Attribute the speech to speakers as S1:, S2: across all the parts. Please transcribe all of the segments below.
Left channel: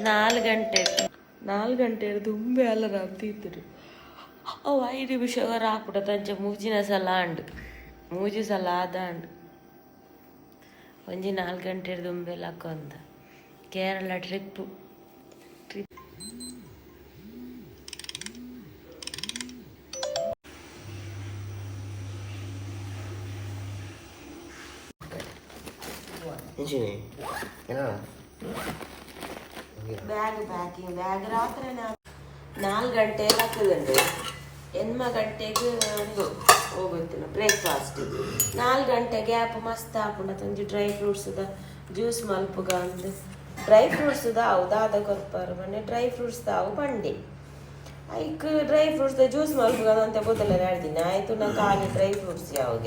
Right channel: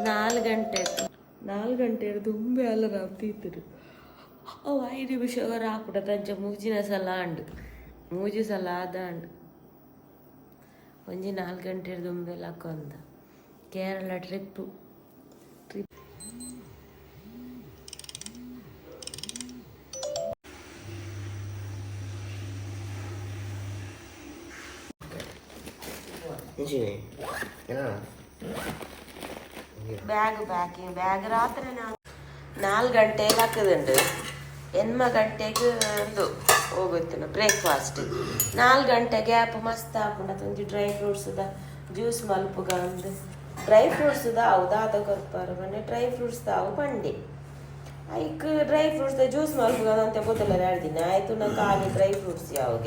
S1: ನಾಲ್ಕು ಗಂಟೆ ನಾಲ್ಕು ಗಂಟೆ ದುಂಬೆ ಅಲಾರಾಮ್ ತೀತರು ಅವು ಐದು ನಿಮಿಷ ರಾಪುಟ ತಂಚ ಮೂಜಿನ ಸಲ ಅಂಡು ಮೂಜಿ ಸಲ ಆದ ಅಂಡು ಒಂಜಿ ನಾಲ್ಕು ಗಂಟೆ ದುಂಬೆ ಹಾಕೊಂದ. Kerala trip. Trip bag packing bag രാത്രി ನಾಲ್ಕು ಗಂಟೆಗೆ ಹಾಕದುಂಡು ಎನ್ಮ ಗಂಟೆಗೆ ಒಂದು ಹೋಗುತ್ತೆ ಬ್ರೇಕ್ಫಾಸ್ಟ್. ನಾಲ್ಕು ಗಂಟೆಗೆ ಗ್ಯಾಪ್ ಮಸ್ತ್ ಹಾಪುಂಡ ಒಂಜಿ ಡ್ರೈ ಫ್ರೂಟ್ಸ್ದ ಜ್ಯೂಸ್ ಮಲ್ಪುಗ ಅಂದು. ಡ್ರೈ ಫ್ರೂಟ್ಸ್ ಅವು ದಾದ ಕೊರ್ಪಾರು ಮನೆ ಡ್ರೈ ಫ್ರೂಟ್ಸ್ ಅವು ಬಂಡಿ ಐಕ್ ಡ್ರೈ ಫ್ರೂಟ್ಸ್ ಜ್ಯೂಸ್ ಮಲ್ಪುಗ ಅಂತ ಗೊತ್ತಲ್ಲ ಹೇಳ್ತೀನಿ ಆಯ್ತು ನಾ ಖಾಲಿ ಡ್ರೈ ಫ್ರೂಟ್ಸ್ ಯಾವಾಗ.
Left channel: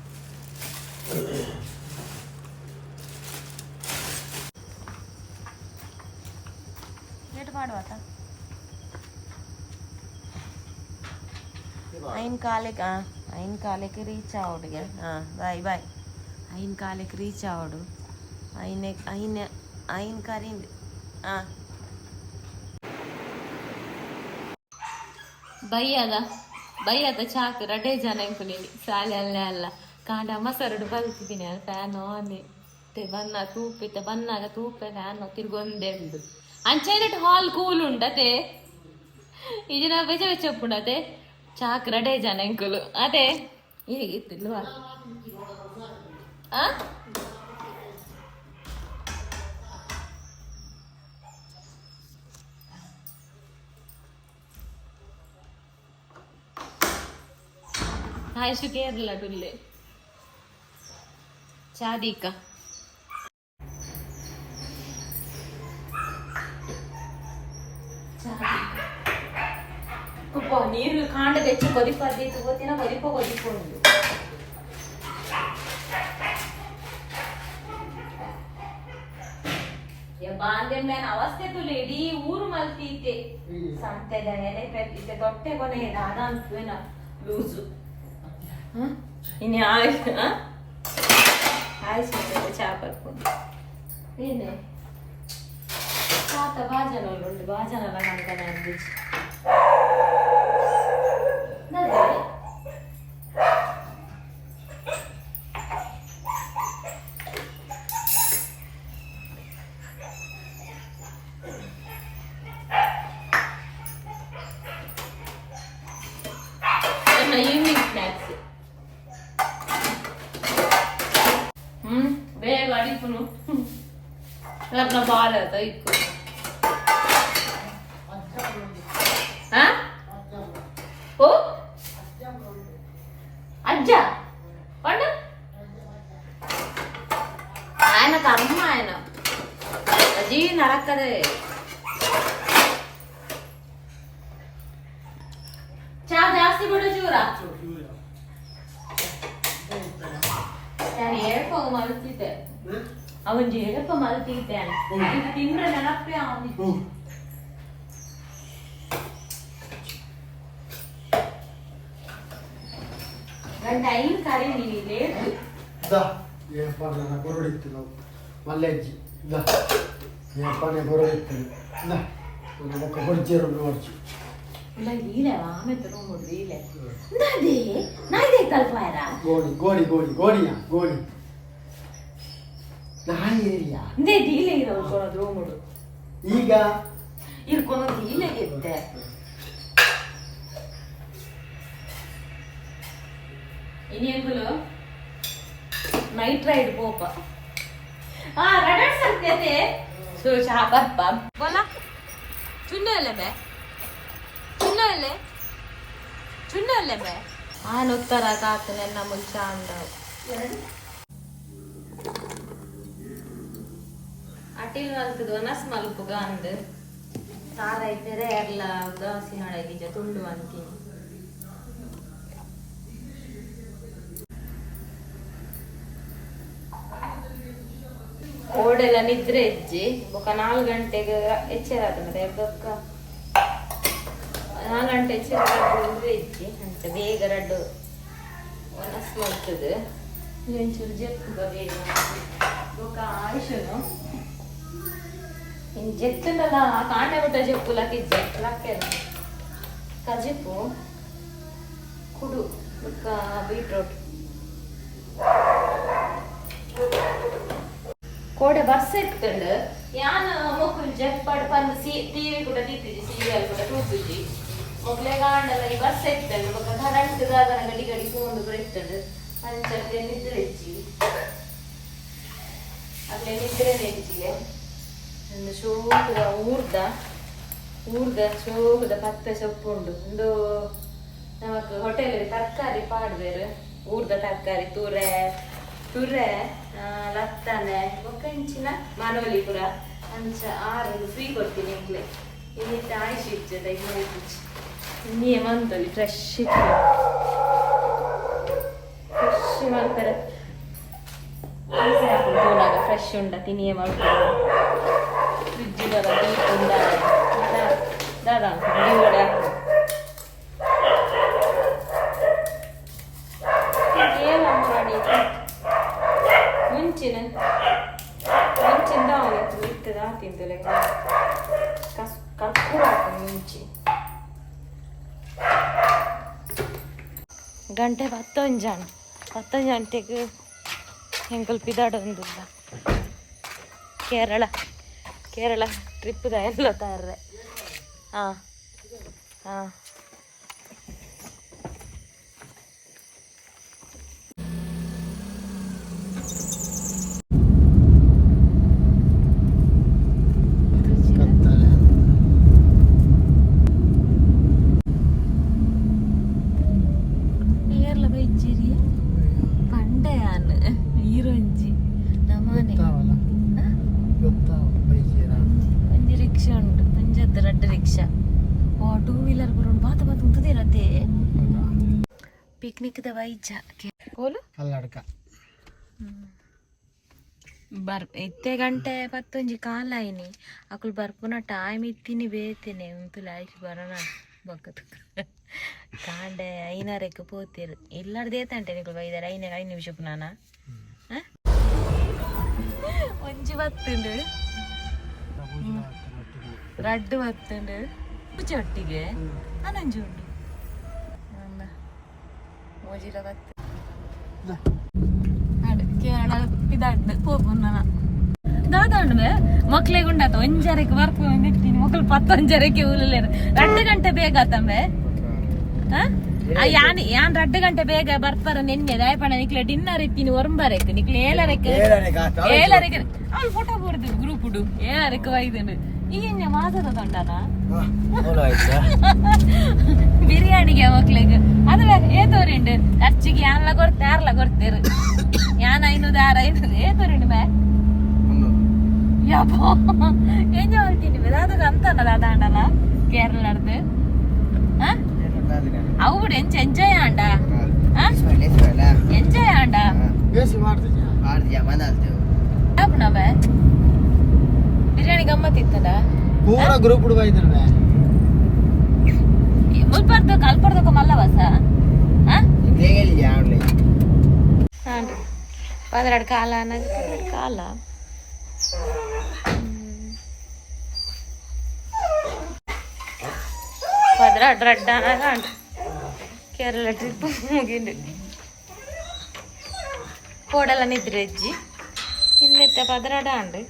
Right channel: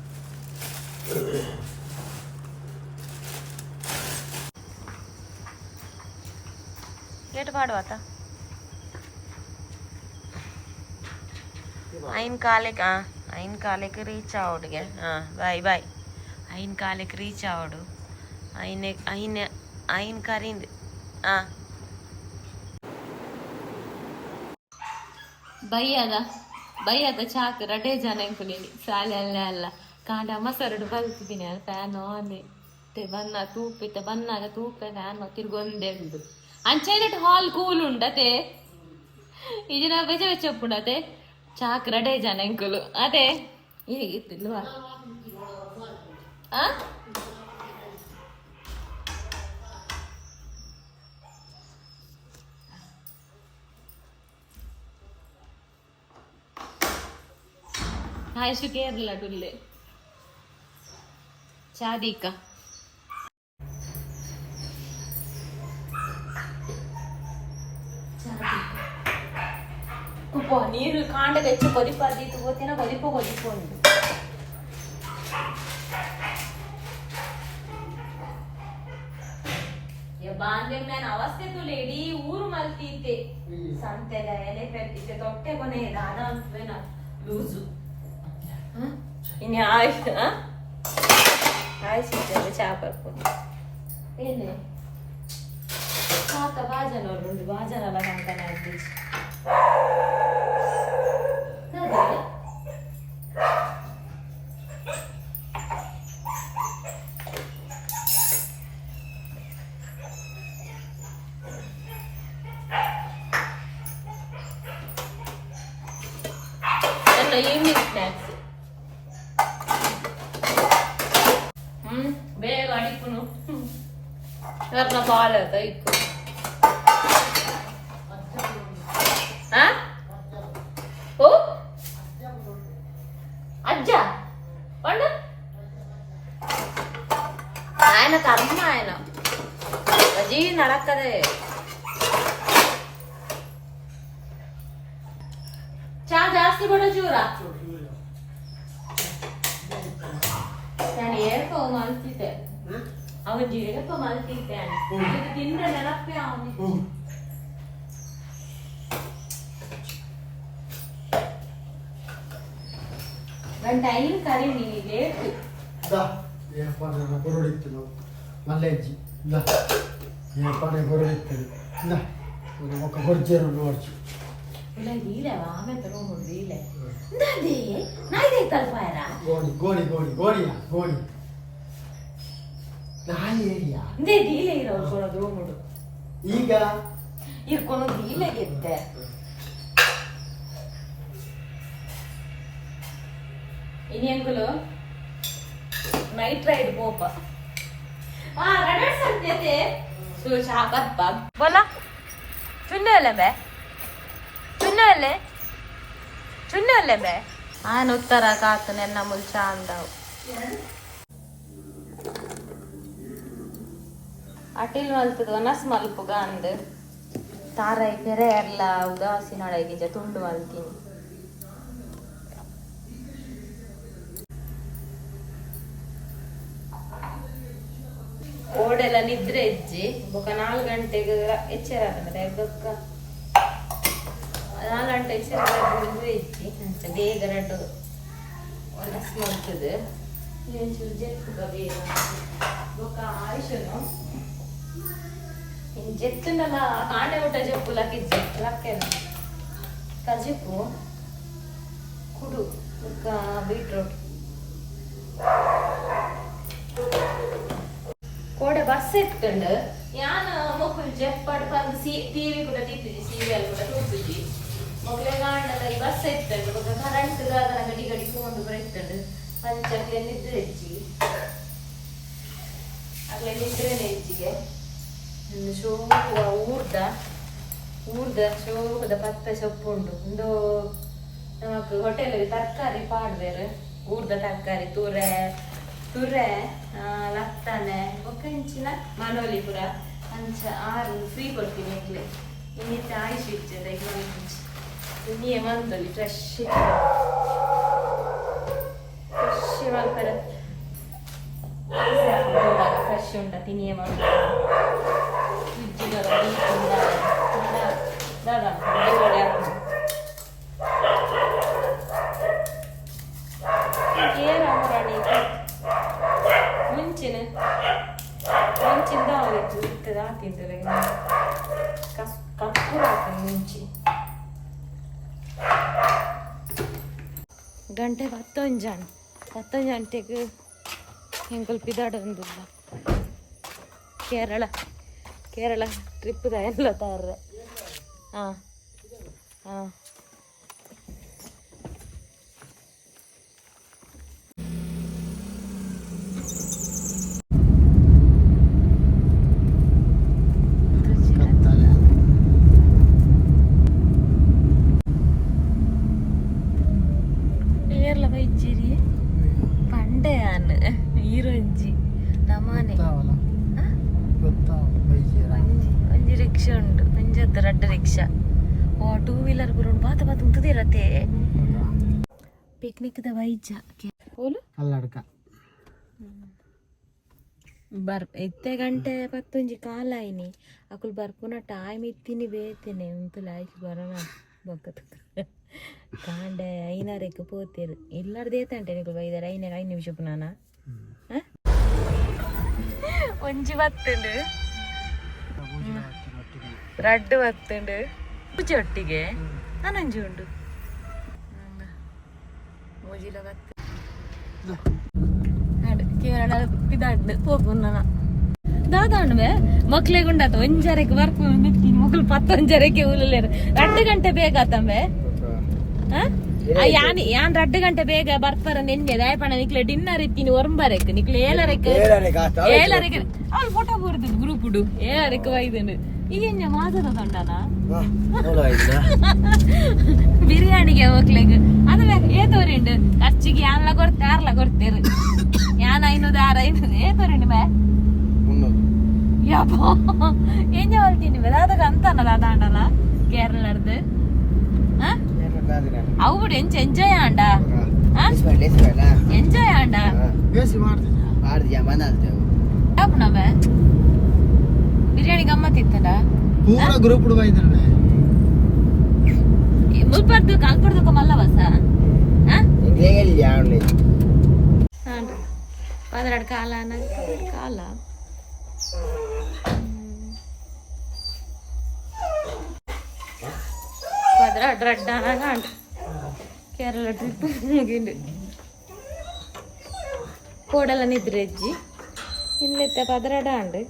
S1: ಏಟ್ ಮಾಡುವಾತ ಐನ್ ಕಾಲೆಕ್ ಆ ಐನ್ ಕಾಲೆಕ್ ರೀಚ್ ಆವಡ್ಗೆ ಹಾ ಬಾಯ್ ಬಾಯ್ ಐನ್ ಕಾಲೆಕ್ ರೀಚ್ ಆವಡು ಐನೆ ಐನ್ ಐನ್ ಕರಿಂದ್ ಆ ಬೈಯದ ಬೈಯದ ಚಾಕ್ ರಡೆ ಜನ ಇಂಕುಲಿ ಸಾಲೆ ಅಲ್ಲೇ ಅಲ್ಲ ಕಾಂಡ ಮಸರಡು ಬಲ್ತಿದ್ದೀನಿ ಫ್ಯಾನ್ ಆನ್ ತೆ ಬನ್ನ ತೂಪಿತ ಬನ್ನಾಗ ತೂಪೆ ಫ್ಯಾನ್ ತಿರ್ಗೊಂದೆ ಉಂಡು ಅಂಚೈನಟ್ ಹಾಲ್ ಕೂಲ್ ಉಂಡತೆ ಇದನ್ನ ಬೆಚ್ಚ ಬೆಚ್ಚ ಉಂಡತೆ ಚಾಕ್ ರಡೆ ಜನ ಇಂಕುಲು ಅದೇ ಹೇಗಿತ್ತಿಲ್ವಾ ಆ ಆಯ್ತು ಕೇರಳ ಟುಲ್ಲೆ ಚಾದೀಕ ಕುಪ್ಪ ನೀರು ಕಾಂಡದ ಹೆಚ್ಚು ಕೊದಿಪಾದೈತು ಗೊತ್ತಿನ ಕೊದಿಪ ಕೊದಿಕೊಂಡು ಬಾಂದೆ ಮೇನ್ ಅವಸ್ಥೆ ತುಲೆ ಇಡೀ ಊರು ಮಲ್ಪೀತೆ ಸಂತೆದ ಎಲೆ ಪೆಟ್ಟಿತೆ ತೊಟ್ಟೆ ಕೊನೆ ದಾನ ಅನ್ಸುವೇನ ಲೂಸು ಇನ್ನು ఆశిస్తుంది చేపల పులుసు పాత భాజనలు రెండు భాజనలు అంతనే అనిపించి ఈవినింగ్ ಬೇಗ ಅಡಿಪುನು ನನ್ನ ಬಾಲ್ ಆಯ್ತಾ ಇಕ್ಕು ಹಾ ಓ ಅಜ್ಜ ಪಂಡು ఆయన కర్మ ఆయన ಅಜ್ಜಿ ನಡಕ್ಕದೆ ಚಾ ಜಾಸ್ತಿ ಕೊಡ ಚೂರ ನಾನು ಅವನ್ ಹೇಳಪ್ಪ ಮಲ್ತಿದ್ದಾನೆ ತಿಂದ್ರೆ ನೆನಪೇ ಅವನಿಗೆ ಗಂಟ ಐದು ಕರೆ ನೀನು ಲೇಟ್
S2: ಏನಪ್ಪ ನನ್ನ ಬರುಡಿತ್ತು ಮಲ್ಲಜ್ಜಿ ಇಲ್ಲ ಏನಪ್ಪ ನಾನು ಬರುಡಿತ್ತದು
S1: ಇಲ್ಲ ನಮ್ಮ ಕೊಡ್ಜೇರು ನೋಡ್ತು ಇಲ್ಲ ನೀಲೇ ಆಮೆ ತಗೊಂಡ್ಬಿಡ್ರಿ
S2: ಇಲ್ಲೇ ಗೋಣಿ ಗೋಣಿ ಗೋಣಿ ಗೋಣಿಯ ಗೋಣಿ ಏರಿಯಾ
S1: ಇದೇ ಡೀಲೆ ಇರೋ ಕೊಡೋದು ನೋಡು
S2: ಈಗ?
S1: ಇರ್ಕೊಂಡು ಡೀಲೆ ಗೆದ್ದೆ ಇನ್ನೇನ್ಗುಲು ನೈಟ್ ರೈಡ್ ಪೋಪ ಆ ರಡಡ್ ಸಂತ್ಯತೆ ಸೊ ಶಾಬತ್ ಬಾಬ್ ಬೋಲಾ. ಚುನ್ನ ಅಲ್ಲೇ ಬೇ. ಚುನ್ನ ಅಲ್ಲೇ. ಚುನ್ನ ಅಲ್ಲೇ ಬೇ. ಆನ್ ಉತ್ತರ ಕಾತು ನೆನ್ನ ಮುಂಚ ಅಂದವು. ಅಟಿಲ್ ಮಲ್ಪದ ವನಸ್ ಮಲ್ಪುಗ ಅಂದ್ ತಾರಾಯಿ ಕೆರೆ ಎಲ್ಲ ಉದಾಸಿ ಹಾಳಾಗಿದ್ದ ತುಂಡು ಮಲ್ತೀನಿ ಓಡೆಲ್ಲ ನಿದ್ರೆ ಹೆಜ್ಜಿ. ಬೊಕ ನಾಲ್ಕು ಗಂಟೆಗೆ ಎಚ್ಚರ ಆತಂದ್ರೆ ಬೊಕ್ಕ ನಾಲ್ಕು ಗಂಟೆ ಎಚ್ಚರ ನಿದ್ರೆ ಇಜ್ಜಿ ಅಂತ ಬೇಗ ರಡ್ಡು ಒನಸ್ ಮಲ್ತದ ಒಂಚೂರು ಜೆಪ್ಪುಗ ಬೇಗ ಬೊಕ ಆಯುಷನು ಇನ್ನು ಜೆತ್ತುಂಡಲ ಕಾಂಡೆ ಬಿಟ್ಟ ಜಪ್ಪು ಲಕ್ಕಿಜ್ಜೆ ಲಕ್ಕೆನ ಕಜಿಪ್ಪು ಕುಡು ಬೀಟ್ರೋಟ್. ಕೋಡೆ ಬಸ್ ಇತ್ತಂಡು ಯಾನ ಮಕ್ಕಳು ಜಪ್ ಪಡ್ ಪಂದು ಸಿ, ಟಿವಿ ಕೂಡ ತಿತ್ತಿದ್ದಿ ಸೀರಿಯಲ್ ಕೂಡ ತೂತಿದ್ದಿ ಮಕ್ಕಳೇ ಕಾಂಡಲ್ಲ ಈ ಬಸ್ ಇತ್ತಂಡು ಮಗ ಕರೆಂಟ್ ದಾದನ ಗಡಿ ಗಡಿ ತಗೊಂಡು ಬರ್ತಂಡು ಪಂಚಕ್ಕೆ ನಿದ್ರೆ ಹೆಚ್ಚಿ ಅಲ್ಲೇ ನಿದ್ರೆ ಒಂದು ಶೋಕದ ಊರ್ದ ಊರ್ದ ಶೋಕದ ಪತ್ತ ಸೊಪ್ಪು ಉಂಡು ಒಂದು ನಮಕ್ ಹೋಟೆಲ್ ತರಕಾರಿ ಪಾಡ್ವೇರು ಊರ್ದ ತರಕಾರಿ ತುರೆ ತುರೆ ಲತ್ತನೆ ಒಂಚಿನ ಮನೋಲಿ ಪುರ ಅಂಚ ಆರು ಫ್ರೀ ಕೊಡ್ತೀನಿ ಈಗಲೇ ಇಲ್ಲಿ ಆಯ್ಸಿ ಇರ್ತದೆ ಇನ್ನೇ ಮಂತಲ್ಲಿ ಫ್ರೆಶ್ ಫ್ರೆಶ್ ಮಾಡ್ತಾರೆ ಫ್ರೆಶ್ ಉಂಡ ತಿನಿಯೇ ಮಾಡ್ತಾರೆ ಮುಂಚಿನ ಮುಂಚಿಂದ ಅವತ್ತು ಇರ್ತದ ತಿಂತಲೆ ಕಸ್ ಕರ್ಪೂರ ಹಾಕ್ತೀನಿ ಮುಂಚಿ ಗಂಟೆ ಹತ್ತೊಂದು ಹತ್ತೊಂದು ಗಂಟೆಗೆ ಹೆಂಗಲ್ ಪಿದಾಡೊಂದಿಲ್ಲ ಕೇರಳ ಕೇರಳ ಟ್ರಿಪ್ದ ಎಲ್ಲ ತರ್ರೆ ಹಾಂ ಹಾಂ
S2: ಕತ್ತಲೆ
S1: ಏರ್ಲ ಬೈಜಿರಿ ರಿಕ್ಷಾ ಉಂಡು ಒಂಜತ್ತು ರಡ್ಡು ರಿಕ್ಷಾ. ಓ ಟೂ ವೀಲರ್ ಬರೋಣ ಬಾತ ಬಾತ ಉಂತದಿರತ್ತೆ ಪಿಕ್ನಿಕ್ ದ ವೈಜ. ಕೋಲು
S2: ಅಲ್ಲಡ್ಕ
S1: ಬರ್ ಎತ್ತೆ ಗಂಟೆ ಪತ್ತೊಂಜಿ ಕಾಲ ಆಯ್ನಿ. ಅಕುಲು ಬರ್ಪುನ ಟೈಮ್ ಇತ್ತೀನಿ ಬೇತೇನೆ ಉಂತುಲ ಆಯ್ತು ಬರೋಣ ಬೊಕ್ಕತ್. ಕಾಂಡೆ ಐನಾರಕ್ಕೆ ಪೋತಿರು. ಇಲ್ಲಾರ್ದು ಏತಂಟೆ ನಿಕುಲು ಬೈದಾರೆ? ಐನಾಗ ಐದು ನಿಮಿಷ ಪುನಾನ ಒಂಜಿ ಬತ್ತುಂಡು ರಡ್ಡು ಬತ್ತುಂಡು ಪೂಜೆ ಒಟ್ಟಿಗೆ. ನಾನೊಂಜಿ ಉಂಡು. ಓಜಿಲ ಬತ್ತು ಆಡು ಕೇರಳ ಇದಾಡ್ದು ಹೋಗುನ್ನ ದಾದಾಂಡ್ಮೆ ಮಕ್ಳಿಗೆ ಉಂಡಾತ ಒಂಜರಕ್ಕೆ ಬರ್ತೀನಿ ನಿಂತೀನಿ ಮಕ್ಳು ಪತ್ತೊಂಜರಕ್ಕೆ ಉಲ್ಲಲೇರು ಎರಡು ಗಂಟೆ ಬೇಗ ಆತಂಬೆ. ಯಾನ್ ಯಾನ್ ರಡ್ಡ್ ಗಂಟೆ ಬೇಗ ಬರ್ತಾರ ನಿನ್ನೆ ದಯಪಣ ನಿಕ್ಲೆ ಡಿನ್ನರ್ ಇತ್ತೀನಿ ಒರಂಬರಕ್ಕೆ ನಿಕ್ಲೆ ಏಳರಕ್ಕೆ ಏಳರಕ್ಕೆ ಅವ್ಳು ಫೋಟೋ ಬರುದು ಗ್ರೂಪ್ ಡು ಏಳರಕ್ಕೆ ಈಗ ಮಾತದ ತೊಂಡನ ಬಿರಿಯಾನಿಗೆ ಮಕ್ಳಿಗೆ ಅದು ಏತೋರಿಂಡು ಖರ್ಚಿಗೆ ಯಾನ್ಲ ಕೊಡ್ತೆ ಯಾರ್ಲ ಕೊಡ್ತೇರು ಯಾನ್ ಐನೂರು ಆರು ಐನೂರು ಏತೋರಿಂಡು ಮೇ ಯಪ್ಪ ಎಂಜ ಹೇಳ್ತೀನಿ ಅದಾಗ ಅಂತನಲ್ಲ ಅದಾಂಡಲ್ಲ ಕೇರಳ ನಡ್ದು ಅವು ಬಿಡು ಎಂಚ ಎಂಜಾಯ್ ಆಂಡ ಎಂಜಾಯ್ ಬಿರಿಯಾನಿ ಗಮ್ಮತ್ ಇತ್ತಲ್ಲ
S2: ಪೂರ ಗ್ರೂಪ್ ಹುಡುಗ ಇದ್ರೆ
S1: ಮುಲ್ಪಡ್ದು ಕಲ್ಪರ್ದಕ್ಕ ಮಲ್ಲವಸ ಹಾಂ? ಪದರಾಡು ಕಾಲ ಅನ್ನೋದು ಪದರಾಡು ಕಾಲ. ಪದರಾಡು ರಡ್ಡ ಅನ್ನೋದು ಕೇರಳ ಟ್ರಿಪ್ ಮುಗಿಂದು. ಕೋಡೆಲ್ಲ ನಿದ್ರೆ ಅಜ್ಜಿ. ಇನ್ನೆತ್ತ ಪದರಾಡ ಅಂಡು